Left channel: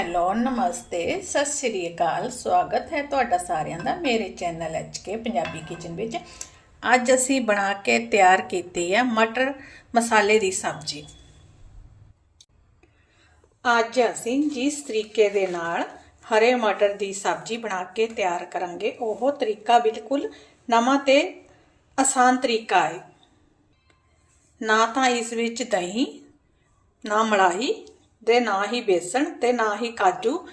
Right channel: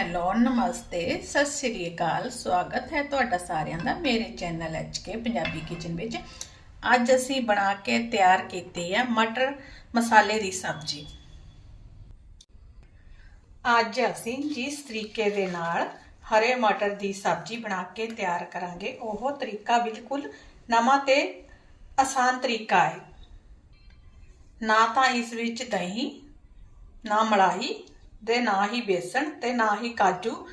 Hello ਨਮਸਤੇ, ਸਤਿ ਸ੍ਰੀ ਅਕਾਲ, ਸਵਾਗਤ ਹੈ ਤੁਹਾਡਾ ਸਾਰਿਆਂ ਦਾ ਮੇਰੇ ਚੈਨਲ ਕੇ ਪੰਜਾਬੀ ਕਿਚਨ ਵਿੱਚ। ਅੱਜ ਅਸੀਂ ਬਣਾ ਕੇ ਤਿਆਰ ਕੀਤੀ ਹੈ ਮਟਰ ਮਸਾਲੇ ਦੀ ਸਬਜ਼ੀ। ਅੱਜ ਅਸੀਂ ਜਿਸ ਤਰੀਕੇ ਦੇ ਨਾਲ ਹਰੇ ਮਟਰ ਦੀ ਸਬਜ਼ੀ ਬਣਾ ਕੇ ਤਿਆਰ ਕਰਾਂਗੇ, ਉਹ ਤਰੀਕਾ ਬਿਲਕੁਲ ਨਵਾਂ ਤੇ ਆਸਾਨ ਤਰੀਕਾ ਹੈ। ਨਾ ਤਾਂ ਇਸ ਵਿੱਚ ਦਹੀਂ, ਨਾ ਮਲਾਈ ਦੇ ਨਾ ਹੀ ਬੇਸਣ ਤੇ ਨਾ ਹੀ ਕਾਜੂ।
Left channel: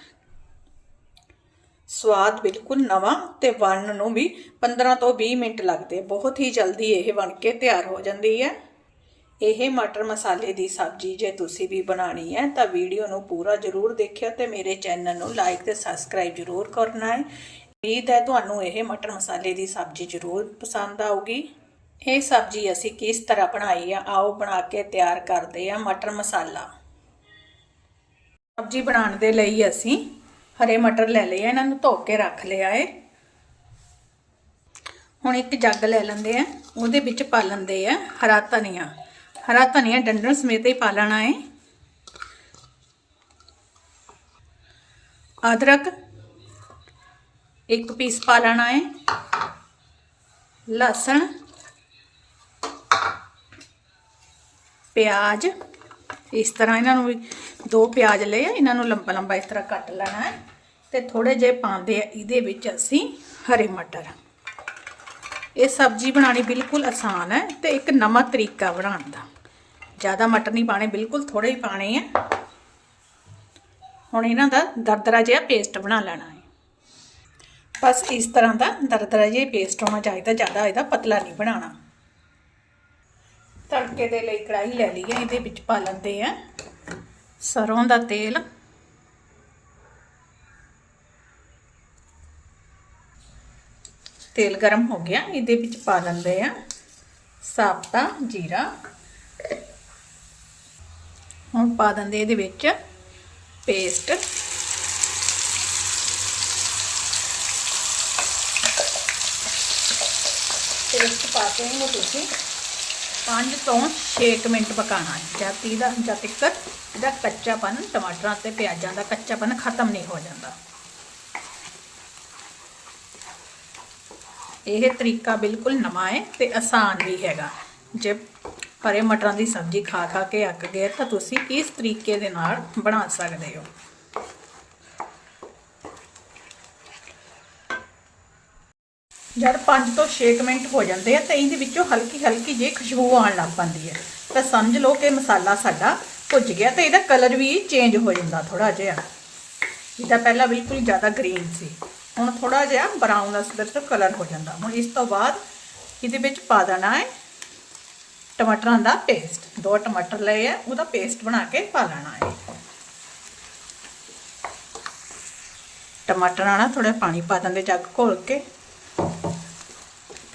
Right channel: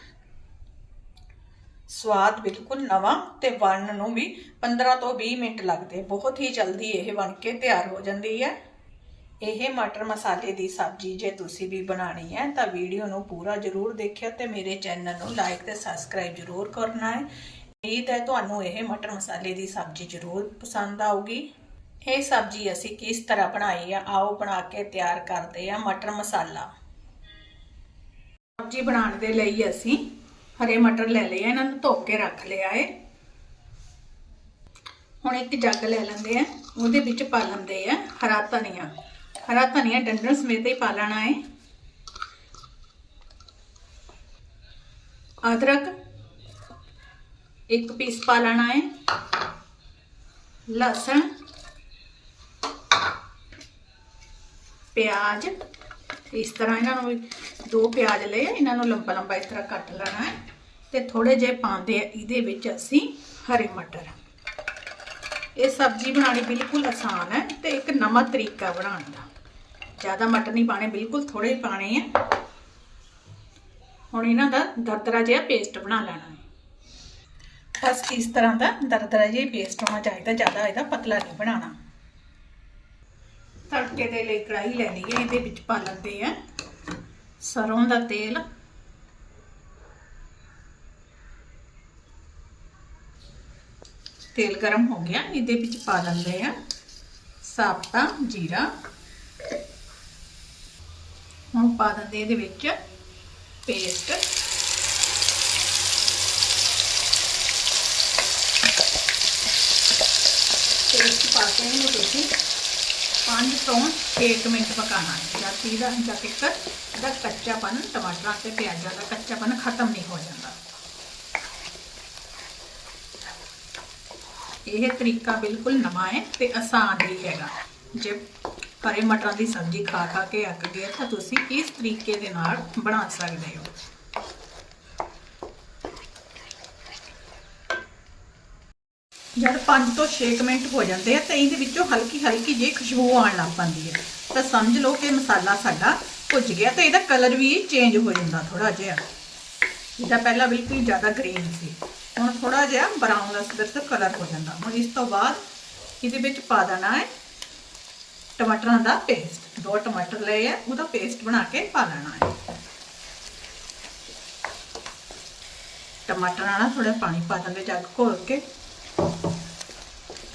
ਸਵਾਦ ਬਿਲਕੁਲ ਨਵਾਂ ਤੇ ਬਣਨ ਨੂੰ ਵੀ 15 ਤੋਂ 20 ਮਿੰਟ ਲੱਗਦੇ ਬਹੁਤ ਹੀ ਜਲਦੀ ਇਹ ਬਣ ਕੇ ਤਿਆਰ ਹੋ ਜਾਂਦੀ ਹੈ। ਇਹ ਮਟਰ ਮਸਾਲੇ ਦੀ ਸਬਜ਼ੀ ਜੇ ਤੁਸੀਂ ਵੀ ਬਣਾਣੀ ਹੈ ਤਾਂ ਵੀਡੀਓ ਨੂੰ ਪੂਰਾ ਜ਼ਰੂਰ ਦੇਖਿਓ ਤੇ ਮੇਰੇ ਚੈਨਲ ਨੂੰ ਲਾਈਕ ਤੇ ਸਬਸਕ੍ਰਾਈਬ ਜ਼ਰੂਰ ਕਰਨਾ ਹੈ। ਉਮੀਦ ਹੈ ਤੁਹਾਨੂੰ ਇਹ ਮਟਰ ਮਸਾਲੇ ਦੀ ਸਬਜ਼ੀ ਜ਼ਰੂਰ ਪਸੰਦ ਆਊਗੀ। ਇਹ ਸਬਜ਼ੀ ਅਸੀਂ ਕਿਸ ਤਰ੍ਹਾਂ ਬਣਾਈ ਆ? ਆਓ ਬਣਾ ਕੇ ਤਿਆਰ ਕਰਦੇ ਆ ਮਟਰ ਮਸਾਲਾ। ਸਬਜ਼ੀ ਬਣਾਉਣ ਦੇ ਲਈ ਅਸੀਂ ਹਰੇ ਮਟਰ ਲੈ ਲਏ ਆ, ਇਹਨਾਂ ਨੂੰ ਧੋ ਕੇ ਰੱਖ ਲਿਆ ਏ। ਹੁਣ ਇੱਕ ਜੱਗ ਲੈ ਲੈਂਦੇ ਆ, ਉਹਦੇ ਵਿੱਚ ਪਾ ਲੈਂਦੇ ਆ ਹਰਾ ਧਨੀਆ। ਹਰਾ ਧਨੀਆ ਡੰਡਣ ਸਮੇਤ ਹੀ ਪਾ ਲੈਣਾ ਏ। ਅਦਰਕ ਇੱਕ ਪੀਸ ਪਾ ਲੈਣਾ ਏ। ਲਸਣ, ਪਿਆਜ਼ ਇਸ ਤਰ੍ਹਾਂ ਇਹਨਾਂ ਨੂੰ ਦੋ ਪਿਆਜ਼ ਲਏ ਇਹਨਾਂ ਨੂੰ ਲੰਬਾ ਲੰਬਾ ਇਸ ਤਰ੍ਹਾਂ ਕੱਟ ਲੈਣਾ ਹੈ ਤੇ ਥੋੜੇ ਜਿਹੇ ਪਾਉਂਦੇ ਆ ਇਹਦੇ ਵਿੱਚ ਅਸੀਂ ਹਰੇ ਮਟਰ। ਇਹ ਸਬਜ਼ੀ ਬਣਾਉਣੀ ਬਿਲਕੁਲ ਆਸਾਨ ਹੈ ਤੇ ਇੱਕ ਨਵਾਂ ਤਰੀਕਾ ਬਣਾਉਣ ਦਾ। ਜ਼ਿਆਦਾ ਮਟਰ ਨਹੀਂ ਪਾਣੇ ਬਿਲਕੁਲ ਥੋੜੇ ਹੀ ਪਾਣੇ ਆ। ਹੁਣ ਇਹਨਾਂ ਦਾ ਦਰਦਰਾ ਜਿਹਾ ਪੇਸਟ ਬਣਾ ਲੈਣਾ ਹੈ। ਬਸ ਇਸ ਤਰ੍ਹਾਂ ਦਾ ਦਰਦਰਾ ਜਿਹਾ ਪੇਸਟ ਹੋਣਾ ਚਾਹੀਦਾ, ਜ਼ਿਆਦਾ ਇਹਦਾ ਪਤਲਾ ਨਹੀਂ ਬਣਾਉਣਾ। ਤੜਕੇ ਦੇ ਲਈ ਕੜਾਹੀ ਲੈ ਲਈ ਹੈ ਇਹਦੇ ਵਿੱਚ ਪਾ ਲੈਂਦੇ ਆ ਸਰੋਂ ਦਾ ਤੇਲ। ਤੇਲ ਗਰਮ ਹੋ ਗਿਆ, ਇਹਦੇ ਵਿੱਚ ਪਾ ਲੈਂਦੇ ਆ ਸਾਬਤਾ, ਜੀਰਾ। ਹੁਣ ਪਾ ਦਿੰਦੇ ਇਹਦੇ ਵਿੱਚ ਪੇਸਟ। ਪੇਸਟ ਪਾ ਕੇ ਇਹਨੂੰ ਤੁਸੀਂ 5 ਤੋਂ 6 ਮਿੰਟ ਪਕਾਣਾ ਹੈ। ਜਦ ਤੱਕ ਇਹਦਾ ਜਦ ਤੱਕ ਇਹਦਾ ਕੱਚਾਪਨ, ਟਮਾਟਰਾਂ ਤੇ ਪਿਆਜ਼ਾਂ ਦਾ ਕੱਚਾਪਨ ਖਤਮ ਨਹੀਂ ਹੋ ਜਾਂਦਾ। ਇਹ ਤਰੀਕਾ ਬਿਲਕੁਲ ਨਵਾਂ ਹੈ ਤੇ ਆਸਾਨ ਵੀ ਹੈਗਾ। ਜੇ ਹਰੇ ਮਟਰਾਂ ਦੀ ਸਬਜ਼ੀ ਖਾ ਖਾ ਕੇ ਅੱਕ ਗਏ ਤਾਂ ਤੁਸੀਂ ਇਸ ਤਰੀਕੇ ਦੇ ਨਾਲ ਬਣਾ ਸਕਦੇ ਹੋ। ਜਦ 5 ਤੋਂ 6 ਮਿੰਟ ਹੋ ਜਾਂਦੇ ਆ ਤਾਂ ਇਹਦੇ ਵਿੱਚੋਂ ਹਲਕੀ ਹਲਕੀ ਜਿਹੀ ਖੁਸ਼ਬੂ ਆਉਣ ਲੱਗ ਪੈਂਦੀ ਹੈ। ਤਾਂ ਸਮਝ ਲਓ ਕਿ ਮਸਾਲਾ ਸਾਡਾ ਭੁੱਜ ਗਿਆ ਤੇ ਇਹਦਾ ਕਲਰ ਵੀ ਚੇਂਜ ਹੋ ਜਾਂਦਾ ਥੋੜਾ ਜਿਹਾ। ਇਹਦਾ ਪਹਿਲਾਂ ਬਿਲਕੁਲ ਜ਼ਿਆਦਾ ਗ੍ਰੀਨ ਸੀ। ਹੁਣ ਥੋੜਾ ਜਿਹਾ ਬਰਾਊਨ ਅਸਰ ਕਲਰ ਹੋ ਜਾਂਦਾ। ਹੁਣ ਇਸ ਤੋਂ ਬਾਅਦ ਇਹਦੇ ਵਿੱਚ ਪਾ ਦੇਣਾ ਹੈ ਟਮਾਟਰਾਂ ਦਾ ਪੇਸਟ ਦੋ ਟਮਾਟਰ ਲਏ ਆ, ਉਹਦਾ ਪੇਸਟ ਬਣਾ ਕੇ ਪਾ ਲੈਣਾ ਹੈ। ਟਮਾਟਰਾਂ ਨਾਲ ਥੋੜਾ ਪਾਣੀ ਪਾ ਦਿੰਦੇ, ਜੱਗ ਘੋਲ ਕੇ।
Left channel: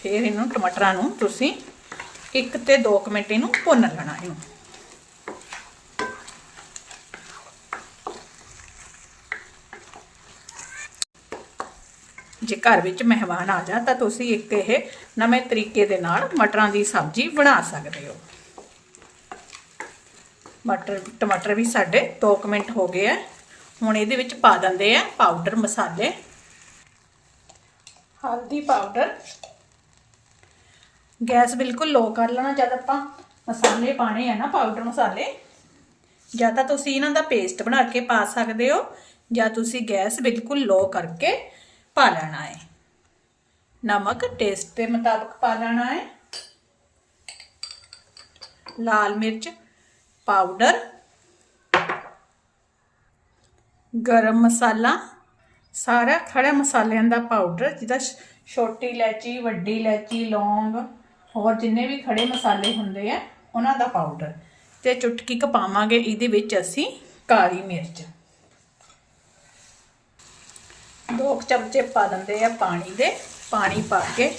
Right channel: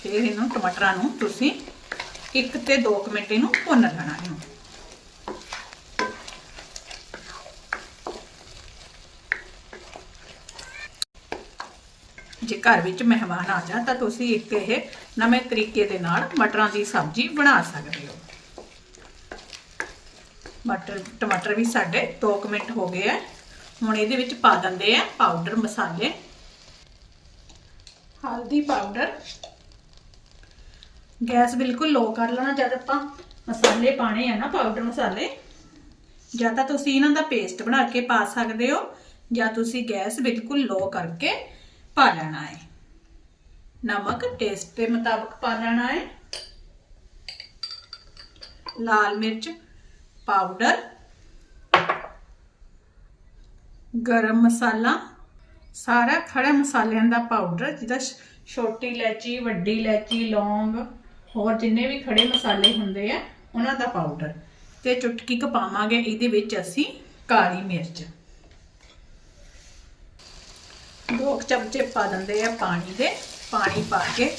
ਫਿਰ ਇਹਨੂੰ ਟਮਾਟਰਾਂ ਨੂੰ ਤੁਸੀਂ 1 ਤੇ 2 ਮਿੰਟ ਇਹਨੂੰ ਭੁੰਨ ਲੈਣਾ ਇਹਨੂੰ। ਜੇ ਘਰ ਵਿੱਚ ਮਹਿਮਾਨ ਆ ਜਾ ਤਾਂ ਤੁਸੀਂ ਇੱਕ ਇਹ ਨਵੇਂ ਤਰੀਕੇ ਦੇ ਨਾਲ ਮਟਰਾਂ ਦੀ ਸਬਜ਼ੀ ਬਣਾ ਸਕਦੇ ਹੋ। ਮਟਰ, ਟਮਾਟਰ ਵੀ ਸਾਡੇ 2 ਮਿੰਟ ਹੋ ਗਏ ਆ। ਹੁਣ ਇਹਦੇ ਵਿੱਚ ਪਾ ਦਿੰਦੇ ਆ ਪਾਊਡਰ ਮਸਾਲੇ। ਹਲਦੀ ਪਾਊਡਰ ਗੈਸ ਬਿਲਕੁਲ ਲੋ ਕਰ ਲੈਣਾ, ਜਦ ਆਪਾਂ ਮਸਾਲੇ ਪਾਣੇ ਆ ਨਾ ਪਾਊਡਰ ਮਸਾਲੇ, ਜਾਂ ਤਾਂ ਤੁਸੀਂ ਇਹਨਾਂ ਦਾ ਪੇਸਟ ਬਣਾ ਕੇ ਪਾ ਸਕਦੇ ਹੋ, ਜਾਂ ਤੁਸੀਂ ਗੈਸ ਬਿਲਕੁਲ ਲੋ ਕਰਕੇ ਪਾ ਲੈਣਾ ਹੈ। ਨਮਕ ਟੇਸਟ ਦੇ ਮੁਤਾਬਕ ਪਾ ਲੈਣਾ ਹੈ। ਲਾਲ ਮਿਰਚ ਪਾਊਡਰ ਗਰਮ ਮਸਾਲਾ, ਸਾਰਾ ਖੜੇ ਮਸਾਲਿਆਂ ਦਾ ਪਾਊਡਰ ਜਿਹਦਾ ਛੋਟੀ ਇਲਾਇਚੀ, ਵੱਡੀ ਇਲਾਇਚੀ, ਲੌਂਗ ਹੋਰ ਜਿੰਨੇ ਵੀ ਖੜੇ ਮਸਾਲੇ ਹੁੰਦੇ ਆ, ਉਹਨਾਂ ਦਾ ਪਾਊਡਰ ਤੇ ਚੁਟਕੀ ਕ ਪਾਵਾਂਗੇ, ਇਹਦੇ ਵਿੱਚ ਅਸੀਂ ਕਾਲੀ ਮਿਰਚ। ਦੋ ਚਮਚੇ ਪਾ ਦਿੰਦੇ ਆ ਪਾਣੀ ਦੇ, ਪਾਣੀ ਪਾ ਕੇ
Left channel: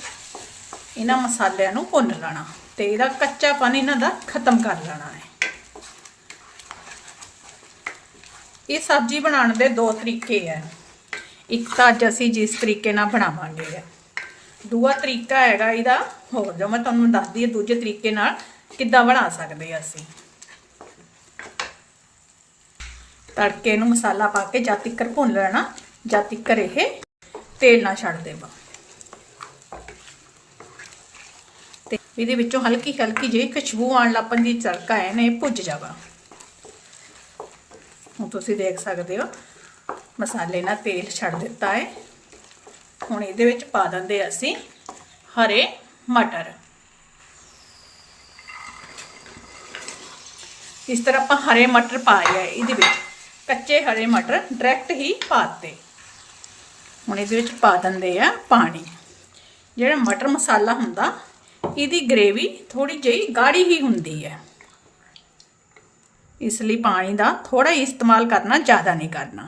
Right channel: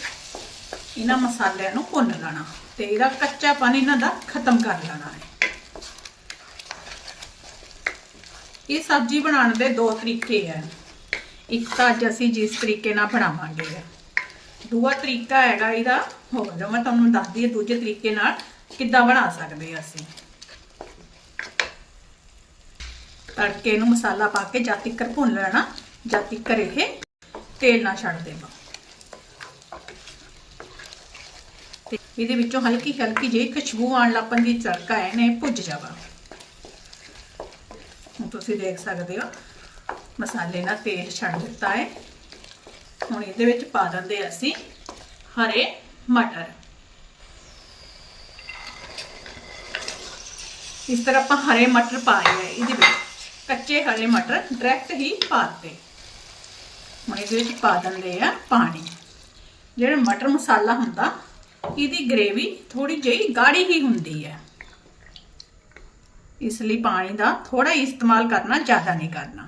ਇਹਨਾਂ ਮਸਾਲਿਆਂ ਨੂੰ ਭੁੰਨ ਲੈਣਾ। ਤੇ ਇਹਦਾ ਕੱਚਾ ਪਾਣੀ ਇਹਨਾਂ ਦਾ ਖਤਮ ਕਰ ਲੈਣਾ ਹੈ। ਇਹ ਸਬਜ਼ੀ ਬਣਾਉਣ ਦੇ ਦੋ ਤਰੀਕੇ ਆ। ਇੱਕ ਤਾਂ ਅੱਜ ਅਸੀਂ ਜਿਸ ਤਰੀਕੇ ਨਾਲ ਬਣਾਵਾਂਗੇ। ਦੂਆ ਤਰੀਕਾ ਹੈਗਾ ਇਹਦਾ, ਹੋਰ ਜੋ ਮੈਂ ਤੁਹਾਨੂੰ ਦੱਸਦੀ ਹਾਂ ਦੂਜੇ ਤਰੀਕੇ ਨਾਲ, ਕਿੱਦਾਂ ਬਣਾ ਸਕਦੇ ਆ ਅਸੀਂ। ਤੜਕੇ ਨੂੰ ਮਸਾਲਾ ਪਾ ਕੇ ਜਦ ਤੱਕ ਭੁੰਨ ਲੈਣਾ, ਜਦ ਤੱਕ ਇਹ ਤੇਲ ਨਾ ਛੱਡ ਦੇਵਾ। ਤੇ ਇਹਦੇ ਵਿੱਚੋਂ ਹਲਕੀ ਹਲਕੀ ਜਿਹੀ ਖੁਸ਼ਬੂ ਆਉਣ ਲੱਪਣ ਦੀ ਤੜਕਾ ਹੈ ਨੇ ਭੁੱਜ ਜਾਵਾ। ਹੁਣ ਤੁਸੀਂ ਦੇਖ ਸਕਦੇ ਹੋ, ਮਸਾਲੇ ਨਾਲ ਤੇਲ ਛੱਡ ਦਿੱਤਾ ਹੈ। ਹੁਣ ਇਹਦੇ ਵਿੱਚ ਪਾ ਦਿੰਦੇ ਅਸੀਂ ਹਰੇ ਮਟਰ। ਇਸ ਤਰ੍ਹਾਂ ਆਪਾਂ ਹਰੇ ਮਟਰ ਪਾਏ ਆ ਇਹਦੇ ਵਿੱਚ। ਕੱਚੇ ਹਰੇ ਮਟਰ ਡਾਇਰੈਕਟ ਹੀ ਪਾਤੇ। ਹੁਣ ਇਹਦੇ ਵਿੱਚ ਪਾ ਦਿੰਦੇ ਆ ਪਾਣੀ। ਜਿਹੜਾ ਮਟਰ ਮਸਾਲਾ ਹੁੰਦਾ, ਇਹਦੀ ਗ੍ਰੇਵੀ ਥੋੜੀ ਜਿਹੀ ਗਾੜੀ ਹੀ ਹੁੰਦੀ ਹੈ। ਇਸ ਲਈ ਪਾਣੀ ਦਾ ਥੋੜਾ ਇਸਤੇਮਾਲ ਕਰਨਾ, ਜ਼ਿਆਦਾ ਨਹੀਂ ਕਰਨਾ।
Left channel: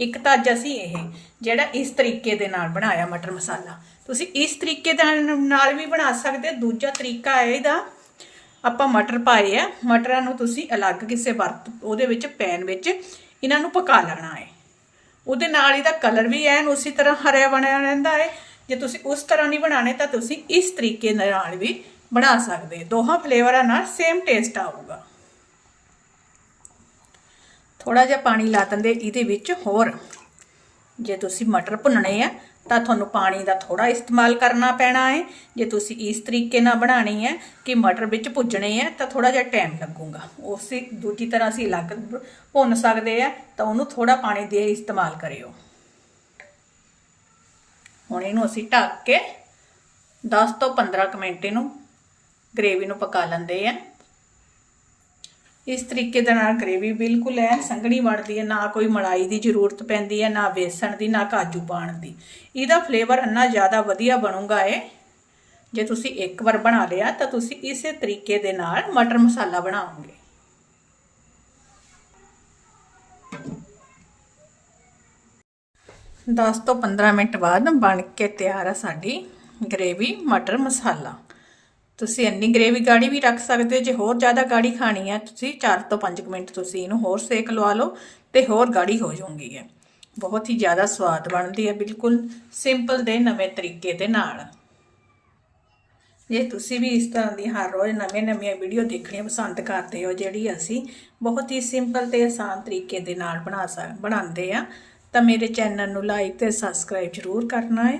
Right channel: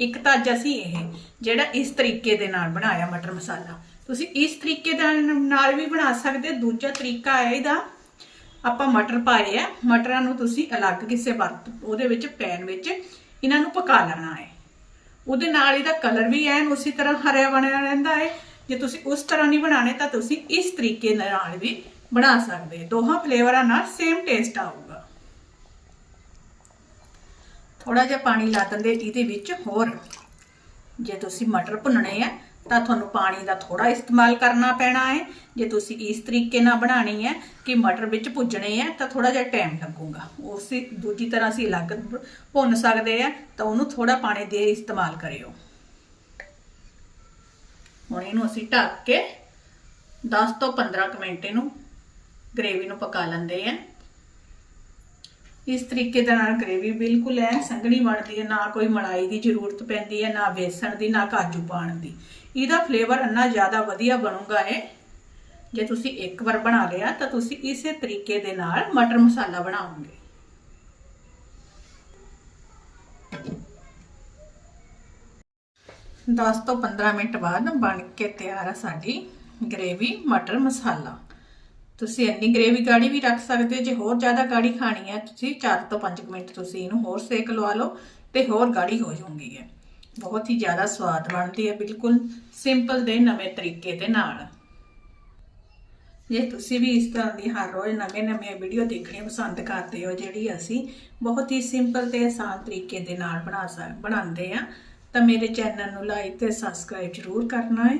ਇੱਕ ਤਾਂ ਅੱਜ ਅਸੀਂ ਇਹ ਜਿਹੜਾ ਇਸ ਤਰੀਕੇ ਦੇ ਨਾਲ ਬਣਾਇਆ ਮਟਰ ਮਸਾਲਾ। ਤੁਸੀਂ ਇਸ ਤਰੀਕੇ ਦੇ ਨਾਲ ਵੀ ਬਣਾ ਸਕਦੇ ਦੂਜਾ ਤਰੀਕਾ ਹੈ ਇਹਦਾ, ਆਪਾਂ ਮਟਰ ਪਾਏ ਆ। ਮਟਰਾਂ ਨੂੰ ਤੁਸੀਂ ਅਲੱਗ ਕਿਸੇ ਵਰਤ, ਉਹਦੇ ਵਿੱਚ ਪੈਨ ਵਿੱਚ ਇਹਨਾਂ ਨੂੰ ਪਕਾ ਲੈਣਾ ਹੈ। ਉਹਦੇ ਨਾਲ ਇਹਦਾ ਕਲਰ ਵੀ ਐਨ ਉਸੇ ਤਰ੍ਹਾਂ ਹਰਿਆ ਬਣਿਆ ਰਹਿੰਦਾ ਹੈ। ਜੇ ਤੁਸੀਂ ਉਸ ਤਰ੍ਹਾਂ ਨਹੀਂ ਬਣਾਣੇ ਤਾਂ ਤੁਸੀਂ ਇਸ ਤਰੀਕੇ ਨਾਲ ਵੀ ਬਣਾ ਸਕਦੇ ਦੋਹਾਂ ਫਲੇਵਰਾਂ ਨਾਲ ਸੇਮ ਟੇਸਟ ਆਊਗਾ। ਥੋੜਾ ਜਿਹਾ ਪਾਣੀ ਲਾ ਦਿੰਦੇ, ਇਹਦੇ ਵਿੱਚ ਹੋਰ। ਜੇ ਤੁਸੀਂ ਮਟਰ ਭੁੰਨਣੇ ਆ, ਤਾਂ ਤੁਹਾਨੂੰ ਪਾਣੀ ਦਾ ਥੋੜਾ ਇਸਤੇਮਾਲ ਕਰਨਾ ਪੈਣਾ ਹੈ। ਜੇ ਤੁਸੀਂ ਇਸ ਤਰੀਕੇ ਨਾਲ ਬਣਾਣੀ ਹੈ ਕਿ ਮਟਰ ਵਿੱਚ ਭੁੱਜਣੇ ਆ, ਤਾਂ ਥੋੜਾ ਜਿਹਾ ਟਾਈਮ ਲੱਗੂਗਾ। ਉਸੇ ਦੂਜੀ ਤਰ੍ਹਾਂ ਅਸੀਂ ਅਲੱਗ ਭੁੰਨ ਸਕਦੇ ਆ, ਤਾਂ ਉਹਨੂੰ ਥੋੜਾ ਪਾਣੀ ਦੇ ਇਸਤੇਮਾਲ ਕਰਿਓ। ਹੁਣ ਇਹਨੂੰ ਅਸੀਂ ਢੱਕ ਕੇ 10 ਤੋਂ 15 ਕੁ ਮਿੰਟ ਇਹਨੂੰ ਗ੍ਰੇਵੀ ਨੂੰ ਪਕਾ ਲੈਂਦੇ ਆ। ਇਸ ਤਰੀਕੇ ਦੇ ਨਾਲ ਗ੍ਰੇਵੀ ਬਿਲਕੁਲ ਐ ਸੰਘਣੀ ਬਣਦੀ ਹੈ, ਨਾ ਕੋਈ ਮਲਾਈ ਦੀ ਜ਼ਰੂਰਤ ਪੈਂਦੀ ਹੈ, ਨਾ ਬੇਸਣ ਦੀ, ਨਾ ਕਾਜੂ ਪਾਣ ਦੀ। ਇਹਦਾ ਫਲੇਵਰ ਇੰਨਾ ਜ਼ਿਆਦਾ ਵਧੀਆ ਬਣੂਗਾ ਇਹ, ਜੇ ਤੁਸੀਂ ਇੱਕ ਵਾਰ ਬਣਾ ਲਿਆ ਤਾਂ ਤੁਸੀਂ ਇਸੇ ਤਰੀਕੇ ਦੇ ਨਾਲ ਮਟਰ ਮਸਾਲਾ ਬਣਾਓਗੇ। ਦਸ ਤੋਂ 15 ਮਿੰਟ ਬਾਅਦ ਬਣ ਕੇ ਤਿਆਰ ਆ ਸਾਡੀ ਗ੍ਰੇਵੀ ਮਟਰ ਮਸਾਲਾ। ਤੁਸੀਂ ਇੰਨੀ ਗ੍ਰੇਵੀ ਗਾੜੀ ਵੀ ਰੱਖ ਸਕਦੇ ਹੋ, ਜੇ ਹੋਰ ਜ਼ਿਆਦਾ ਗਾੜੀ ਖਾਣੀ ਹੈ, ਤੁਸੀਂ 4 ਤੋਂ 5 ਮਿੰਟ ਤੁਸੀਂ ਇਹਨੂੰ ਹੋਰ ਸੇਕ ਲਵਾ ਲਓ ਤੇ ਹੋਰ ਗਾੜੀ ਹੋ ਜਾਊਗੀ ਹੈ ਬਹੁਤ ਹੀ ਜ਼ਿਆਦਾ ਸਵਾਦ ਬਣਦੀ ਹੈ, ਬਿਲਕੁਲ ਸਿੰਪਲ ਦੇ ਨਵੇਂ ਤਰੀਕੇ ਦੇ ਨਾਲ। ਜੇ ਤੁਸੀਂ ਵੀ ਇਸ ਤਰ੍ਹਾਂ ਦੀ ਹਰ ਰੋਜ਼ ਨਵੇਂ-ਨਵੀਆਂ ਵੀਡੀਓ ਦੇਖਣੀਆਂ ਪਸੰਦ ਕਰਦੇ ਹੋ, ਜਿਹੜੀ ਅਸੀਂ ਬਹੁਤ ਹੀ ਸਿੰਪਲ ਤੇ ਆਸਾਨ ਤਰੀਕੇ ਦੇ ਨਾਲ ਬਣਾ ਸਕ, ਬਣਾਉਂਦੇ ਆ, ਤਾਂ ਮੇਰੇ ਚੈਨਲ ਨੂੰ ਲਾਈਕ ਤੇ ਸਬਸਕ੍ਰਾਈਬ ਜ਼ਰੂਰ ਕਰਨਾ ਹੈ।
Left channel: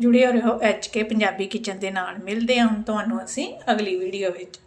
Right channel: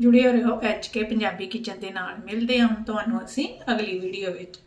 ਜੁੜੇ ਰਹੋ ਐਚਕੇ ਪੰਜਾਬੀ ਕਿਚਨ ਦੇ ਨਾਲ। ਮਿਲਦੇ ਹਾਂ ਹੁਣ ਤੁਹਾਨੂੰ ਅਸੀਂ ਅਗਲੀ ਵੀਡੀਓ ਵਿੱਚ।